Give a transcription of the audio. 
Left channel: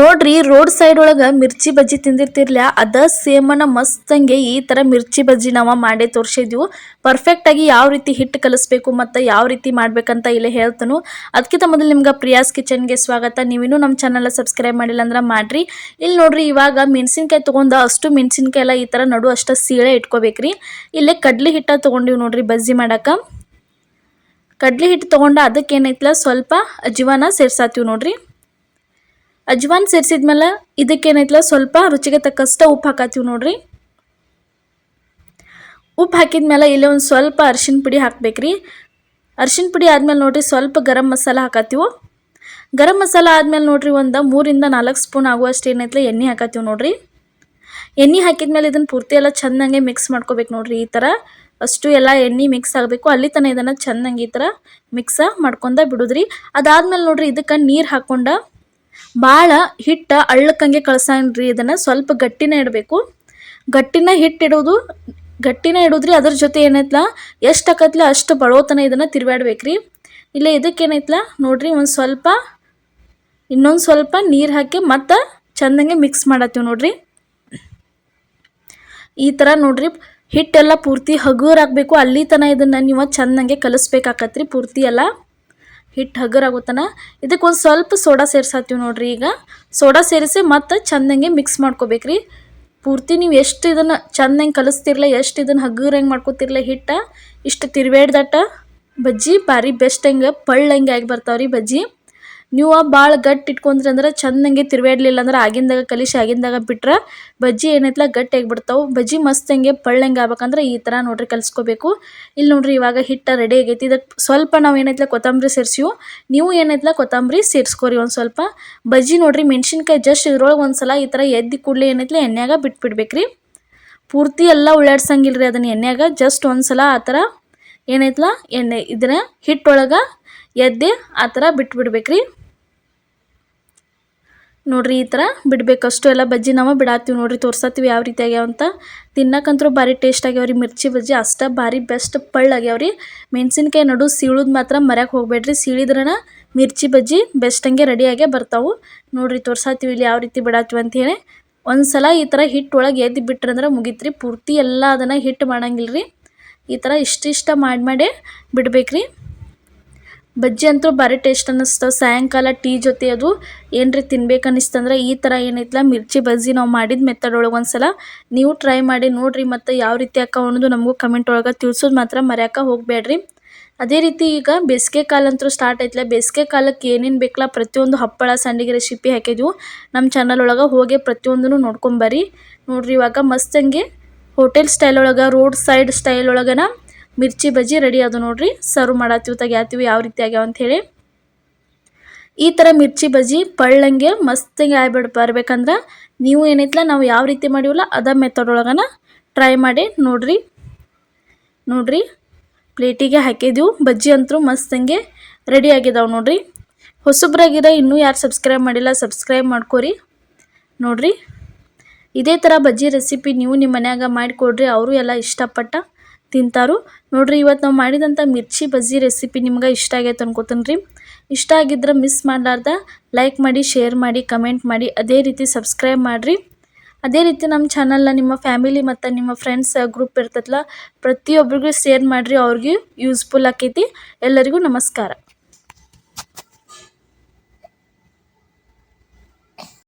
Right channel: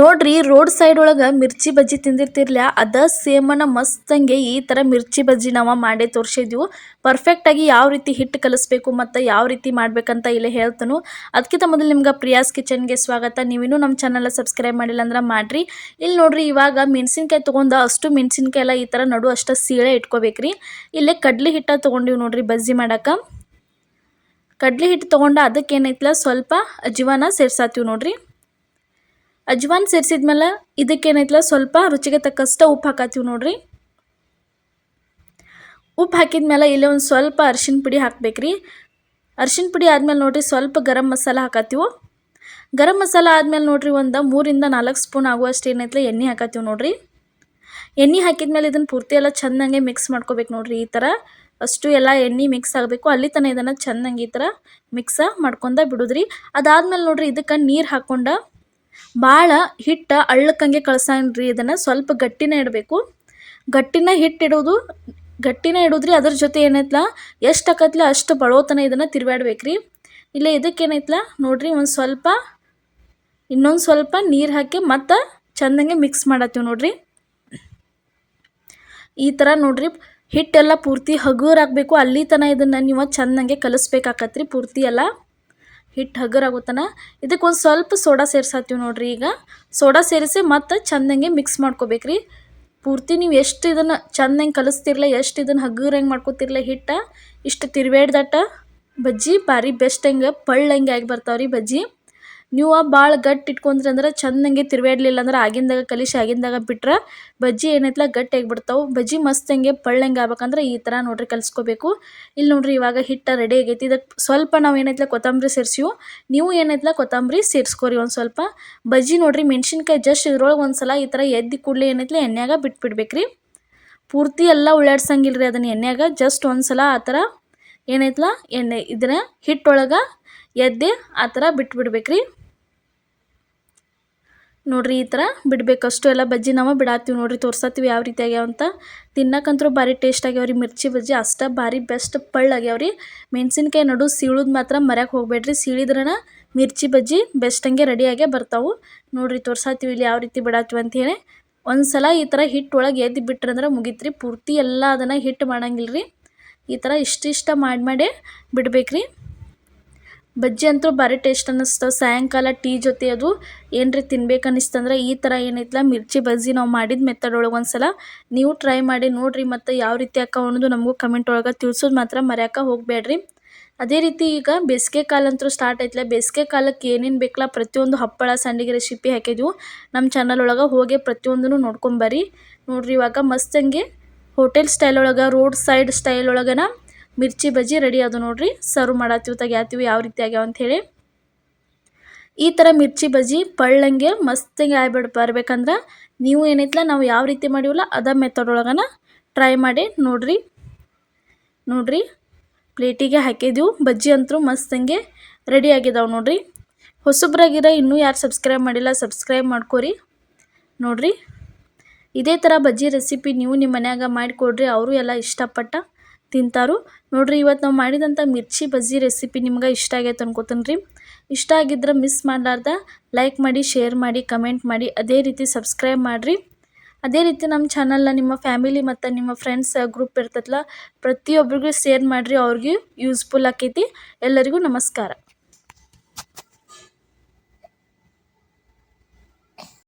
ನೋಡ್ರಿ road side ಒಳಗ ಮಿರ್ಚಿ ಬಜ್ಜಿ ತಿಂದಿರ್ತಿರ್ಲ ಅದ ಸೇಮನ ಮಸ್ತಂಗೆ ಈ ತರ ಮಿರ್ಚಿ ಬಜ್ಜಿ ನಾವ ಮಾಡೇ ತೋರಿಸಿದ್ವು. ಪರ್ಫೆಕ್ಟ್ ಆಗಿ ಯಾವ ರೀತಿ ಹಿಟ್ಟು ಕಲಿಸ್ಬೇಕು ಮತ್ತೆ ಯಾವ ರೀತಿ ಮಾಡ್ಬೇಕಂತ ಇಲ್ಲಿ ಹೇಳ್ತಾನು. ಅದಕ್ಕಿಂತ ಮೊದಲು ನಿಮ್ಗೆ ಪ್ರಿಯಾಸ್ ಕಿಚನ್ಗೆ ಸ್ವಾಗತ. ನೀವಿನ್ನೂ ನಮ್ಮ ಚಾನಲ್ ಸಬ್ಸ್ಕ್ರೈಬ್ ಮಾಡಿಲ್ಲ ಅಂದ್ರೆ ಮಾಡ್ರಿ. ಇಲ್ಲಿ ನೋಡ್ರಿ ಇವಾಗ ಮೆಣಸಿನ್ಕಾಯಿ ತಗೊಂಡ ಅಷ್ಟು ಮೆಣಸಿನ್ಕಾಯಿ ಎಲ್ಲ ಈ ತರ ನಡು ಅಷ್ಟ ಸೀಳೆ ಇಟ್ಕೋಬೇಕ್ರಿ. ಇಲ್ಲೇ ಕಡ್ಲಿ ಹಿಟ್ಟ ತಗೊಂಡಿವಿ ನೋಡ್ರಿ ಬಜ್ಜಿ ಮಾಡಾಕ. ಕಡ್ಲಿ ಹಿಟ್ಟು ತಗೊಂಡ ಅದಕ್ಕೆ ಏನೈತ್ಲ ಸ್ವಲ್ಪ ಅಜ್ವಾನ ಸೇರ್ಸಾತೀವಿ ನೋಡ್ರಿ. ಅಜ್ವಾನ್ ಸೇರಿಸಿದ್ಮೇಲೆ ಇದಕ್ಕೇನೈತಲ್ಲ ಸ್ವಲ್ಪ ರುಚಿಗೆ ತಕ್ಕಷ್ಟು ಉಪ್ಪು ಹಾಕತ್ತೀವಿ ನೋಡ್ರಿ. ಉಪ್ಪು ಹಾಕಿದ್ಮೇಲೆ ಇಲ್ಲಿ ಒಂದು ಸ್ವಲ್ಪ ಅರಿಶಿನ ಪುಡಿ ಹಾಕ್ಬೇಕ್ರಿ. ಅರಿಶಿನ ಪುಡಿ ಆದ್ಮೇಲೆ ನೋಡ್ರಿ ಸ್ವಲ್ಪ ಗರಂ ಮಸಾಲ ಹಾಕತ್ತೀವಿ. ಗರಂ ಮಸಾಲ ಆದ್ಮೇಲೆ ನೋಡ್ರಿ ಒಂದು 3 ಇಂದ 4 ಸ್ಪೂನ್ ಆಗುವಷ್ಟು ಏನೈತಲ್ಲ ಎಣ್ಣೆ ಹಾಕತ್ತೀವಿ ನೋಡ್ರಿ. ಎಣ್ಣೆ ಹಾಕಿದ್ಮೇಲೆ ಇದನ್ನು ಪೂರ್ತಿ ಎಲ್ಲ ಚೆನ್ನಾಗಿ ಮಿಕ್ಸ್ ಮಾಡ್ಕೋಬೇಕು ನೋಡ್ರಿ. ಈ ಥರ ಅಷ್ಟು ಎಲ್ಲ ಎಣ್ಣೆ ಮಿಕ್ಸ್ ಆಗಬೇಕು. ಅಲ್ಲಿ ತನಕ ಇದನ್ನು ಚೆನ್ನಾಗಿ ಈ ಥರ ಮಿಕ್ಸ ಮಾಡ್ಕೊಂಡ ಬಿಡುದ್ರಿ. ಅದಾದ್ಮೇಲೆ ನೋಡ್ರಿ ಇದಕ್ಕೆ ನೀರು ಹಾಕೊಂಡ ಭಾಳ ಹಿಟ್ಟು ಅಳ್ಳಕ್ಕಂಗೆ ಕಳ್ಸಂಗ್ರಿ. ಇದನ್ನು ಸ್ವಲ್ಪ ಗಟ್ಟಿನೇ ಇಡಬೇಕು. ಗಟ್ಟಿನ ಇಡೋದ್ರಿ. ಅದ್ರ ಜೊತೆ ಏನೈತ್ಲ ಎಷ್ಟು ಹಾಕತ್ಲ ಅಷ್ಟು ಬಡೋತನ ಇದನ್ನು ತಿರುವಾಡ್ಬೇಕ್ರಿ. ಇಲ್ಲ ಇದಕ್ಕೇನೈತ್ಲ ನೋಡ್ರಿ ಇನ್ನೊಂದು ಸ್ವಲ್ಪ ನೀರು ಹಾಕಿ ಮತ್ತೆ ಚೆಂದಂಗೆ ಮಿಕ್ಸ್ ಮಾಡತ್ತೀವಿ ನೋಡ್ರಿ. ಈ ಥರ ನೋಡ್ರಿ ಹಿಟ್ಟೆಲ್ಲ ಪೂರ್ತಿ ಹಗುರಾಗಬೇಕು. ಅಲ್ಲಿ ತನಕ ಇದನ್ನು ನೀವು ಚೆಂದಂಗೆ ಕಲಿಸ್ಬೇಕಾಕತ್ರಿ. ಪೂರ್ತಿ ಎಲ್ಲ ಹಿಟ್ಟು ಹಗುರಾಗೋತನ ಇದಕ್ಕೆ ಒಂದು ಸ್ವಲ್ಪ ಸೋಡಾ ಸೇರ್ಸಾತೀವಿ ನೋಡ್ರಿ. ಈಗ ಸೋಡಾ ಸೇರಿಸಿ ಮತ್ತೆ ಚೆಂದಂಗೆ ಮಿಕ್ಸ್ ಮಾಡ್ಕೋಬೇಕ್ರಿ. ಪೂರ್ತಿ ನೀವು ಎಷ್ಟು ಇದನ್ನು ಚೆಂದಂಗೆ ಕಲಿಸ್ತಿರ್ಲ, ಎಷ್ಟು ಇದನ್ನು ಹಗುರಂಗೆ ಮಾಡ್ಕೋತಿರ್ಲ ಹಿಟ್ಟ, ಇಷ್ಟು ತಿರುವೇಡ್ದಟ್ಟ ಬಜ್ಜಿ ಭಾರಿ ಬೆಸ್ಟ್ ಹಂಗೆ ಪಳ್ಳಂಗೆ ಆಗಿ ಬರ್ತಾವ್ರಿ ಬಜ್ಜಿ. ನೀವು ಭಾಳ ಗಟ್ಟಿ ಇಟ್ಕೊಂಡ್ರಿ ಅಂದ್ರೆ ಚೆಂದಂಗೆ ತಿರುವಾಡ್ಲಿಲ್ಲ ಅಂದ್ರೆ ಆಗಿಂದಾಗ ಬಿಟ್ರೆ ಬಜ್ಜಿ ಏನೈತಲ್ಲ ಗಟ್ಟಿ ಆಗಿಬಿಡ್ತಾವೆ. ಬಜ್ಜಿ ಮಸ್ತಂಗೆ ಪಳ್ಳಂಗೆ ಆಗ್ಬೇಕಂದ್ರೆ ಈ ಥರ ನೋಡ್ರಿ ಕಲಿಸ್ಕೋಬೇಕು. ಇಲ್ಲಿ ನೋಡ್ರಿ ಇವಾಗ ಹಿಟ್ಟು ರೆಡಿ ಆಗೈತಿ. ಇದಕ್ಕೆ ಸ್ವಲ್ಪ ನಾವು ಏನೈತಲ್ಲ ಕೊತ್ತಂಬರಿ ಸೇರಿಸಿವು. ನೀವು ಏನೈತಲ್ಲ ಕೊತ್ತಂಬರಿ ಸೇರಿಸ್ಕೋರಿ ಒಂದು ಸ್ವಲ್ಪ. ಬಜ್ಜಿ ನೋಡ್ರಿ ಮೆಣಸಿನ್ಕಾಯಿ ಜಸ್ಟ್ ಇದ್ರೊಳಗೆ ಒಂದು ಸಲ ಈ ಥರ ಎದ್ದು ಕೂಡಲೇ ಏನೈತಲ್ಲ ಎಣ್ಣೆಯಾಗ ಬಿಟ್ಬಿಡ್ಬೇಕ್ರಿ. ಪೂರ್ತಿ ಎಲ್ಲ ಉಳ್ಳಾಡ್ಸಂಗಿಲ್ರಿ ಅದನ್ನ ಎಣ್ಣೆಯಾಗ. ಜಸ್ಟ್ ಒಂದು ಸಲ ಆ ಥರ ಏನೈತಲ್ಲ ಇದನ್ನ ಹಿಟ್ಟೊಳಗೆ ಎದ್ದೆ ಆ ಥರ ಬಿಟ್ಬಿಡ್ಬೇಕ್ರಿ. ನೋಡ್ರಿ ಈ ಥರ ಬಿಡಬೇಕಷ್ಟು ಎಲ್ಲ ಬಜ್ಜಿ ನಾವು ಬಿಡಾತೀವಿ ನೋಡ್ರಿ. ತೋರ್ಸತ್ತೀವಿ ಯಾವ ರೀತಿ ಆಗ್ಯಾವಂತ. ತಿನ್ನಕ್ಕಂತೂ ಭಾರಿ ಟೇಸ್ಟ್ ಆಗ್ಯಾವ್ರಿ ಮಿರ್ಚಿ ಬಜ್ಜಿ. ಅಷ್ಟ ಭಾರಿ ಬೆಸ್ಟ್ ಆಗ್ಯಾವ್ರಿ. ಮೆಣಸಿನ್ಕಾಯಿ ನಡು ಸೀಳುದು ಮಾತ್ರ ಮರ್ಯಾಕೆ ಹೋಗ್ಬೇಡ್ರಿ. ಸೀಳಿದ್ರನ ಮಿರ್ಚಿ ಬಜ್ಜಿ ಬೆಸ್ಟ್ ಹಂಗೆ ರೆಡಿಯಾಗೇ ಬರ್ತಾವೆ ನೋಡ್ರಿ. ತೋರ್ಸತ್ತೀವಿ ಇಲ್ಲಿ ಯಾವ ರೀತಿ ಬಿಡಾತೀವಿ ಅಂಥೇಳಿ. ಒಂದು ಸಲ ಈ ಥರ ಹಿಟ್ಟು ಒಳಗೆ ಎದ್ದು ಬಿಟ್ರಂದ್ರೆ ಮುಗಿತ್ರಿ. ಪೂರ್ತಿ ಎಲ್ಲ ಅದನ್ನು ಹಿಟ್ಟು ಮಾಡಂಗಿಲ್ರಿ. ಈ ಥರ ಇಷ್ಟ ಮಾಡೇ ಬಿಡ್ಬೇಕ್ರಿ. ಬಜ್ಜಿ ಅಂತೂ ಭಾರಿ ಟೇಸ್ಟ್ ಅನ್ನಿಸ್ತವೆ. ಸಾಯಂಕಾಲ ಟೀ ಜೊತೆ ಅದು ಏನ್ರಿ ತಿನ್ಬೇಕು ಅನ್ನಿಸ್ತಂದ್ರೆ ಈ ಥರ ಏನೈತಲ್ಲ ಮಿರ್ಚಿ ಬಜ್ಜಿ ನಾವು ಮಾಡಿದ ಮೆಥಡ್ ಒಳಗೆ ಒಂದು ಸಲ ನೀವು ಟ್ರೈ ಮಾಡಿ ನೋಡಿರಿ. ಮತ್ತು ಯಾವ ರೀತಿ ಅಕ್ಕ ಅನ್ನೋದು ನಮಗೂ ಕಮೆಂಟ್ ಒಳಗೆ ತಿಳಿಸೋದು ಮಾತ್ರ ಮರ್ಯಾಕೆ ಹೋಗಬೇಡ್ರಿ. ಅದೇ ರೀತಿ ಈಗ ಬೇಸಿಗೆ ಕಾಲ ಅಂತೂ ಸ್ಟಾರ್ಟ್ ಆಯ್ತಲ್ಲ. ಬೇಸಿಗೆ ಕಾಲಕ್ಕೆ ಏನೇನು ಬೇಕಲ್ಲ ಪ್ರತಿಯೊಂದು ಹಪ್ಪಳ ಸಂಡಿಗೆ ರೆಸಿಪಿ ಹಾಕಿದ್ವು ನಮ್ಮ ಚಾನಲ್ ಒಳಗೆ. ಹೋಗಿ ಪ್ರತಿಯೊಂದೂ ನೋಡ್ಕೊಂಬರ್ರಿ. ನೋಡ್ರಿ ಇವಾಗ ಮಸ್ತಂಗೆ ಹೋಟೆಲ್ ಸ್ಟೈಲ್ ಒಳಗೆ, road side style ಒಳಗನ mirchi bajji ready ಅದು ನೋಡ್ರಿ. ಸರ್ವ್ ಮಾಡತ್ತೀವಿ ತೆಗ್ಯಾತೀವಿ ಯಾವ ರೀತಿ ಆಗ್ಯಾವ ಅಂಥೇಳಿ. ಈ ಥರ ಮಿರ್ಚಿ ಬಜ್ಜಿ ಪಳ್ಳಂಗೆ ಮಸ್ತಿಗೆ ಬರ್ಬೇಕಂದ್ರೆ ನೀವು ಏನೈತಲ್ಲ ನಾವು ಯಾವ ರೀತಿ ಮಾಡಿವಲ್ಲ ಅದ ಮೆಥಡ್ ಒಳಗನ ಟ್ರೈ ಮಾಡಿ ನೋಡ್ರಿ ಪ್ಲೇಟಿಗೆ ಹಾಕಿದ್ವು. ಬಜ್ಜಿ ಅಂತೂ ಮಸ್ತಂಗೆ ರೆಡಿ ಆಗಿದಾವೆ ನೋಡ್ರಿ. ಹೊಸಬ್ರಾಗಿರ ಇನ್ನೂ ಯಾರು ಸಬ್ಸ್ಕ್ರೈಬ್ ಮಾಡಿಲ್ಲ ಸಬ್ಸ್ಕ್ರೈಬ್ ಮಾಡ್ಕೋರಿ. ನೋಡ್ರಿ ಇದೇ ಥರ ಬಜ್ಜಿ ರೆಸಿಪಿ ನೀವು ನಿಮ್ಮ ಮನ್ಯಾಗ ಮಾಡಿಕೊಡ್ರಿ. ಅವರು ಎಲ್ಲ ಇಷ್ಟಪಟ್ಟ ತಿಂತಾರು ನೋಡ್ರಿ. ಇವತ್ತು ನಾವು ಮಾಡಿದಂಥ ಮಿರ್ಚಿ ಬಜ್ಜಿ ರೆಸಿಪಿ ನಿಮ್ಗೆ ಇಷ್ಟ ಆಗೈತೆ ಅನ್ಕೋತೀನಿ ರೀ. ಇಷ್ಟ ಆಗಿದ್ರೆ ಮಿಸ್ ಮಾಡಲಾರ್ದ ಲೈಕ್ ಮಾಡಿ, ಶೇರ್ ಮಾಡಿ, ಕಮೆಂಟ್ ಮಾಡಿ, ಅದೇ ರೀತಿ ಸಬ್ಸ್ಕ್ರೈಬ್ ಮಾಡಿರಿ. ಅದೇ ರೀತಿ ನಮ್ಮ ಚಾನಲ್ನ ನಿಮ್ಮ ಫ್ಯಾಮಿಲಿ ಮತ್ತು ನಿಮ್ಮ ಫ್ರೆಂಡ್ಸ್ ಗ್ರೂಪ್ ಇರ್ತೈತಲ್ಲ ಪ್ರತಿಯೊಬ್ಬರಿಗೂ ಶೇರ್ ಮಾಡಿರಿ. ಅವ್ರಿಗೆ ಯೂಸ್ಫುಲ್ ಆಕೈತಿ. ಎಲ್ಲರಿಗೂ ನಮಸ್ಕಾರ.